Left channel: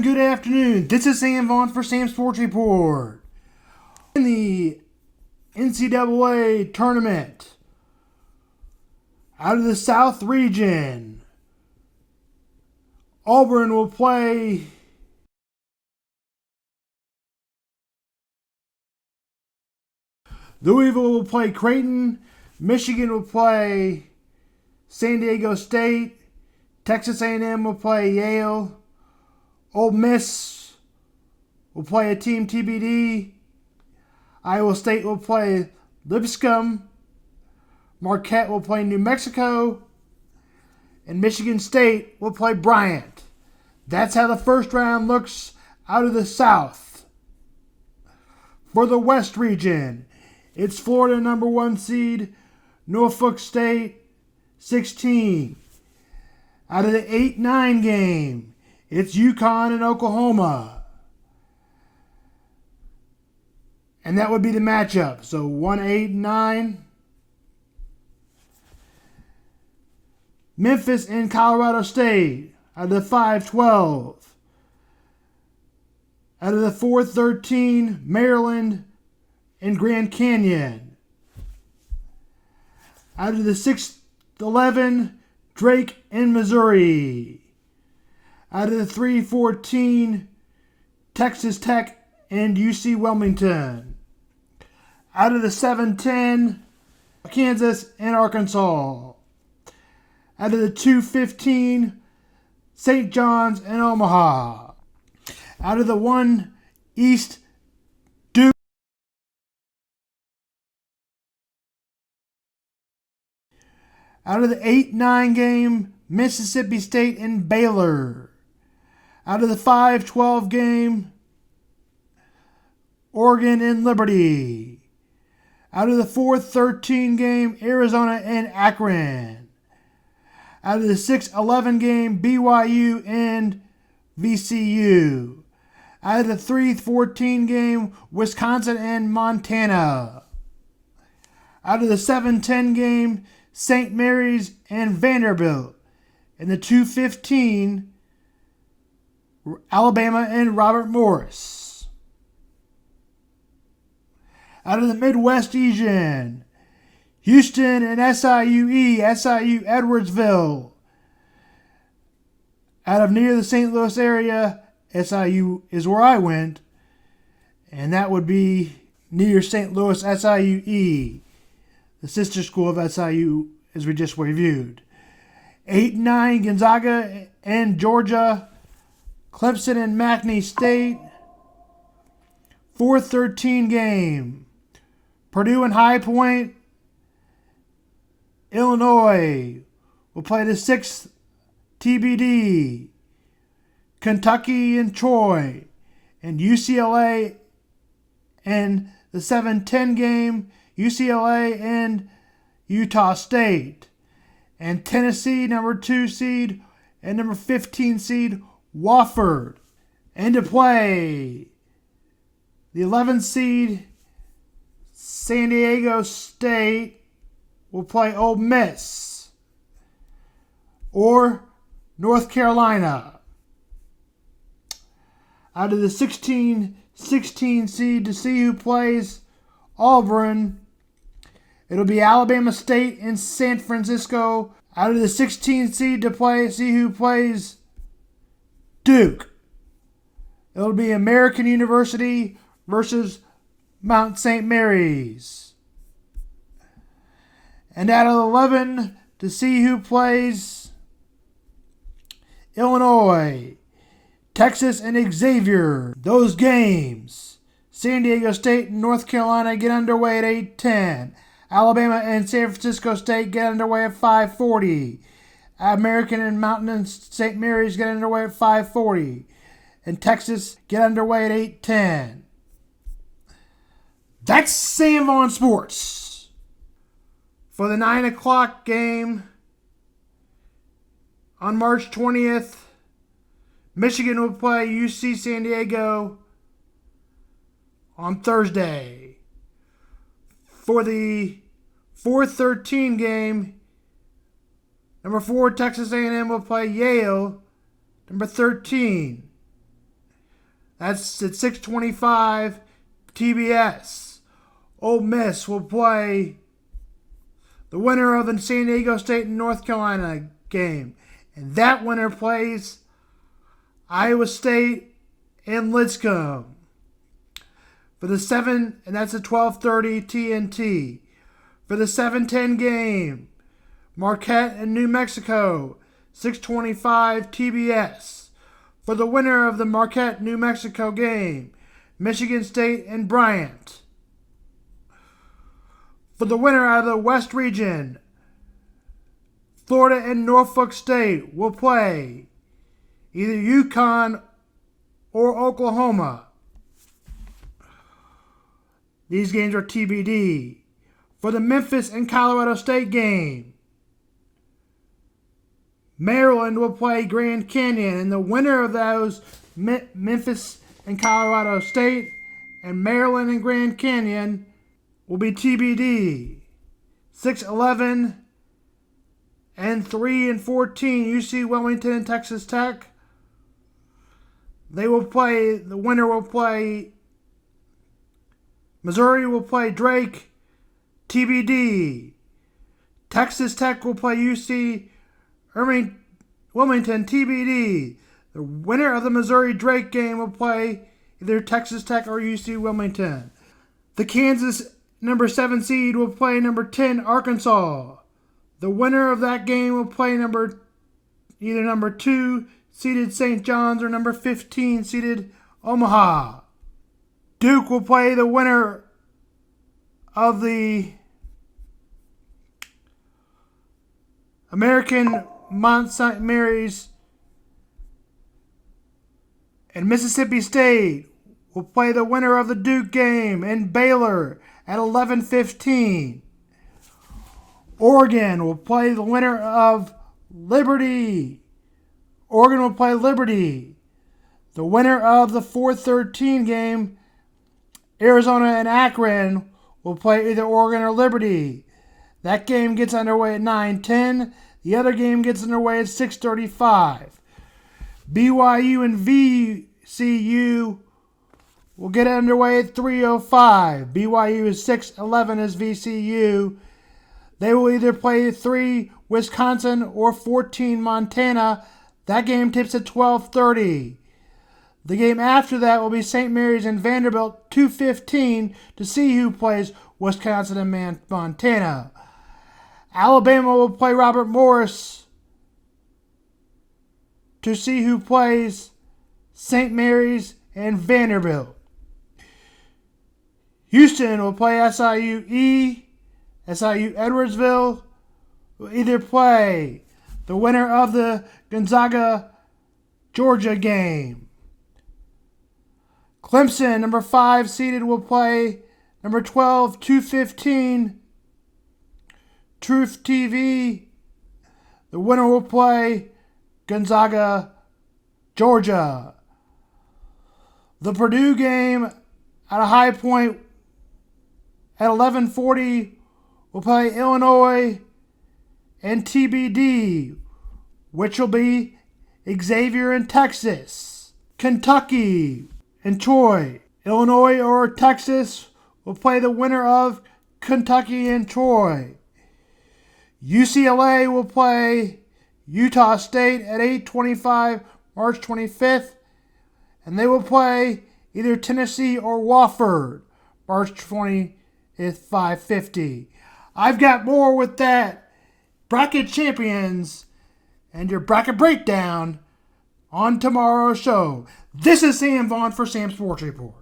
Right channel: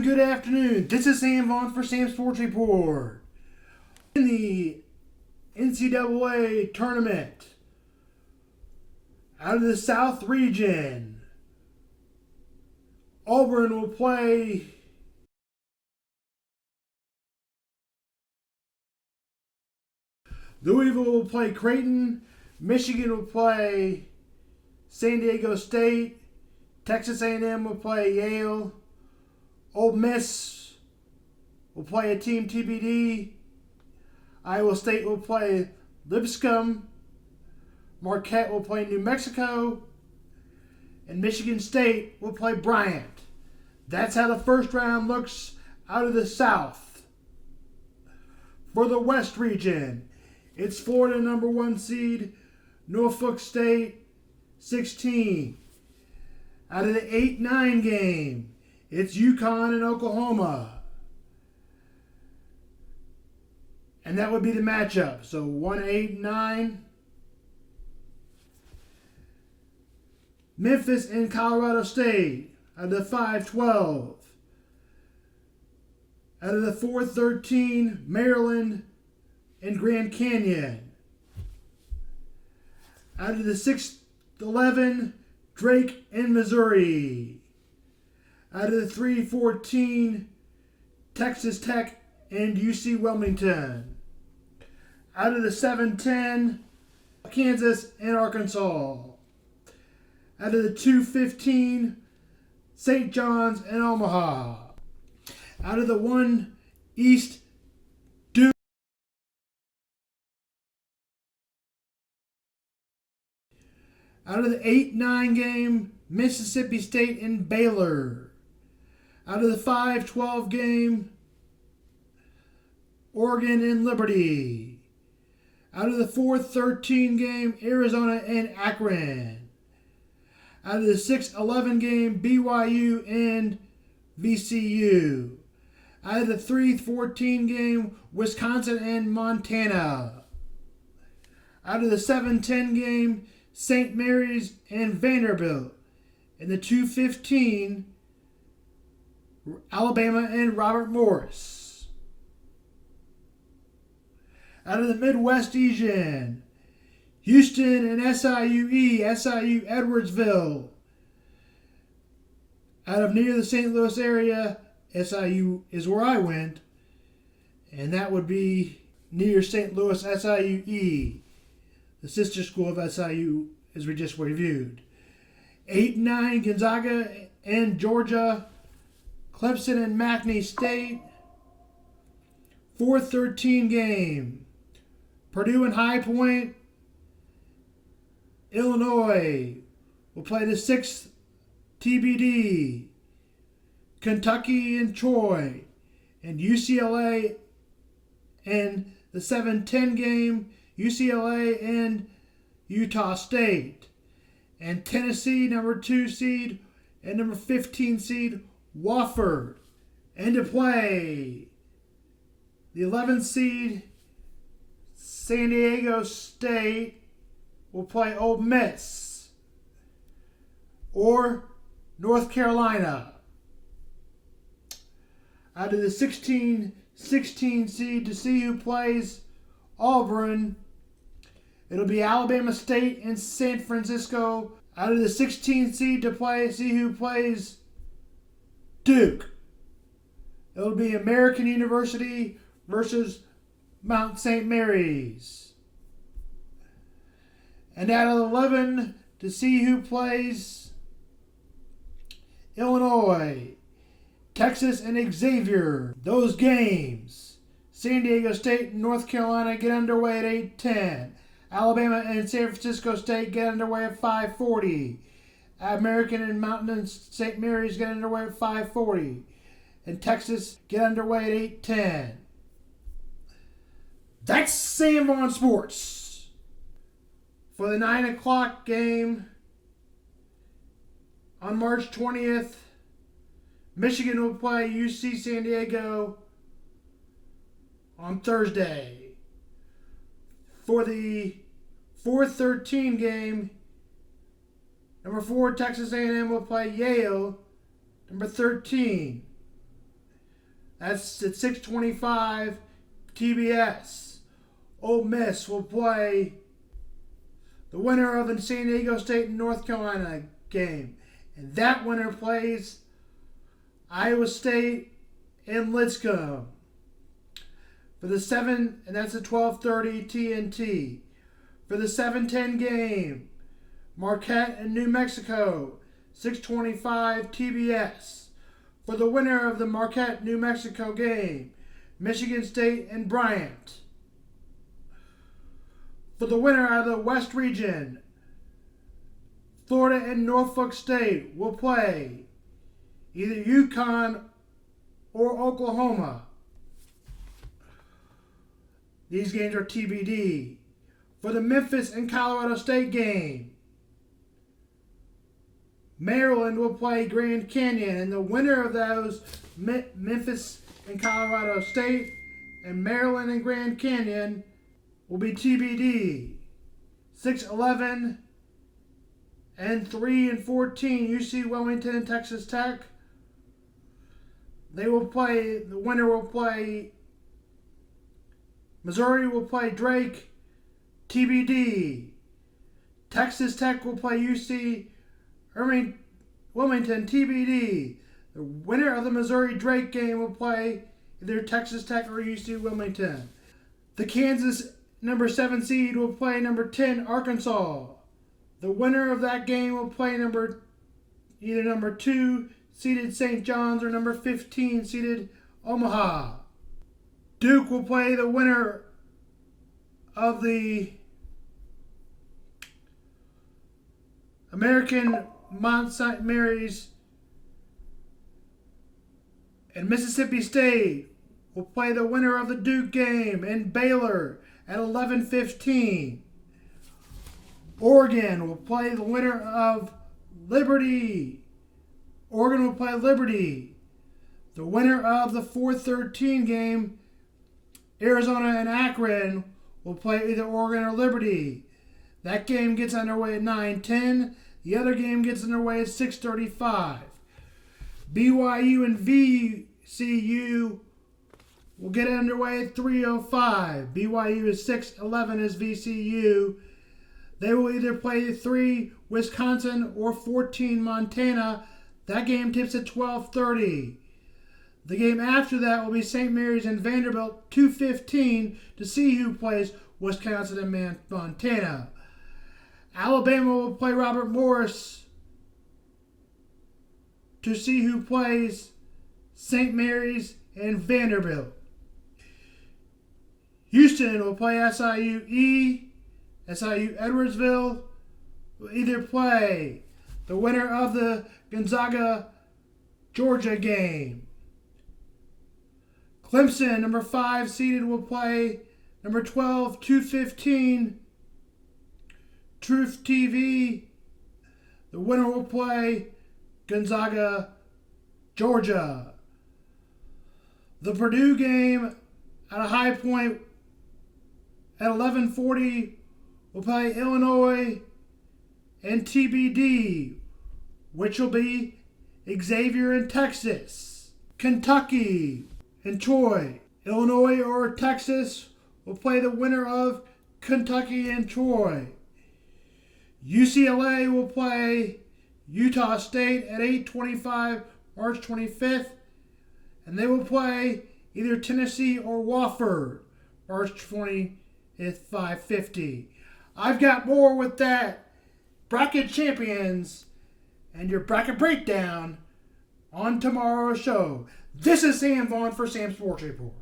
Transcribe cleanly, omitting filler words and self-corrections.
Good afternoon. This is Sam Vaughn for Sam Sports Report. In the NCAA tournament, out of the South region, Auburn will play Louisville will play Creighton, Michigan will play San Diego State, Texas A&M will play Yale, Ole Miss will play a team TBD, Iowa State will play Lipscomb, Marquette will play New Mexico, and Michigan State will play Bryant. That's how the first round looks out of the South. For the West region, it's Florida number 1 seed, Norfolk State 16. Out of the 8-9 game, it's UConn and Oklahoma. And that would be the matchup. So 1-8-9. Memphis and Colorado State out of the 5-12. Out of the 4-13, Maryland and Grand Canyon. Out of the 6-11, Drake and Missouri. Out of the 3-14, Texas Tech and UC Wilmington. Out of the 7-10, Kansas and Arkansas. Out of the 2-15, St. John's and Omaha. Out of the 1 East, Duke. Out of the 8-9 game, Mississippi State and Baylor. Out of the 5-12 game, Oregon and Liberty. Out of the 4-13 game, Arizona and Akron. Out of the 6-11 game, BYU and VCU. Out of the 3-14 game, Wisconsin and Montana. Out of the 7-10 game, St. Mary's and Vanderbilt. And the 2-15, Alabama and Robert Morris. Out of the Midwest region, Houston and SIU Edwardsville. Out of near the St. Louis area, SIU is where I went, and that would be near St. Louis SIUE, the sister school of SIU, as we just reviewed. 8-9 Gonzaga and Georgia, Clemson and McNeese State. 4-13 game, Purdue and High Point. Illinois will play the 6th TBD. Kentucky and Troy. And UCLA and the 7-10 game, UCLA and Utah State. And Tennessee, number 2 seed, and number 15 seed, Wofford. And to play, the 11th seed, San Diego State, will play Ole Miss or North Carolina. Out of the 16 seed to see who plays Auburn, it'll be Alabama State and San Francisco. Out of the 16 seed to see who plays Duke, it'll be American University versus Mount St. Mary's. And out of 11 to see who plays Illinois, Texas and Xavier. Those games, San Diego State and North Carolina, get underway at 8:10. Alabama and San Francisco State get underway at 5:40. American and Mountain and St. Mary's get underway at 5:40. And Texas get underway at 8:10. That's Sam Vaughn Sports. For the 9 o'clock game on March 20th, Michigan will play UC San Diego on Thursday. For the 4-13 game, number 4 Texas A&M will play Yale, number 13. That's at 6:25 TBS. Ole Miss will play the winner of the San Diego State and North Carolina game. And that winner plays Iowa State and Lipscomb for the 7, and that's at 12:30 TNT. For the 7:10 game, Marquette and New Mexico, 6:25 TBS. For the winner of the Marquette-New Mexico game, Michigan State and Bryant. For the winner out of the West region, Florida and Norfolk State will play either UConn or Oklahoma. These games are TBD. For the Memphis and Colorado State game, Maryland will play Grand Canyon, and the winner of those, Memphis and Colorado State, and Maryland and Grand Canyon, will be TBD. 6-11 and 3-14, UC Wilmington and Texas Tech. They will play, the winner will play, Missouri will play Drake, TBD. Texas Tech will play UC Wilmington, TBD. The winner of the Missouri-Drake game will play either Texas Tech or UC Wilmington. The Kansas number 7 seed will play number 10 Arkansas. The winner of that game will play either number 2 seeded St. John's or number 15 seeded Omaha. Duke will play the winner of the American Mount St. Mary's, and Mississippi State will play the winner of the Duke game and Baylor at 11:15. Oregon will play the winner of Liberty. Oregon will play Liberty. The winner of the 4:13 game, Arizona and Akron, will play either Oregon or Liberty. That game gets underway at 9:10. The other game gets underway at 6:35. BYU and VCU will get underway at 3:05. BYU is 6-11 as VCU. They will either play 3 Wisconsin or 14 Montana. That game tips at 12:30. The game after that will be St. Mary's and Vanderbilt, 2:15, to see who plays Wisconsin and Montana. Alabama will play Robert Morris to see who plays St. Mary's and Vanderbilt. Houston will play SIU Edwardsville will either play the winner of the Gonzaga Georgia game. Clemson, number 5 seeded, will play number 12, 2:15, Truth TV. The winner will play Gonzaga, Georgia. The Purdue game at a high point at 11:40 will play Illinois and TBD, which will be Xavier and Texas. Kentucky and Troy. Illinois or Texas will play the winner of Kentucky and Troy. UCLA will play Utah State at 8:25 March 25th, and they will play either Tennessee or Wofford March 20th, 5:50. I've got more with that bracket champions and your bracket breakdown on tomorrow's show. This is Sam Vaughn for Sam Sports Report.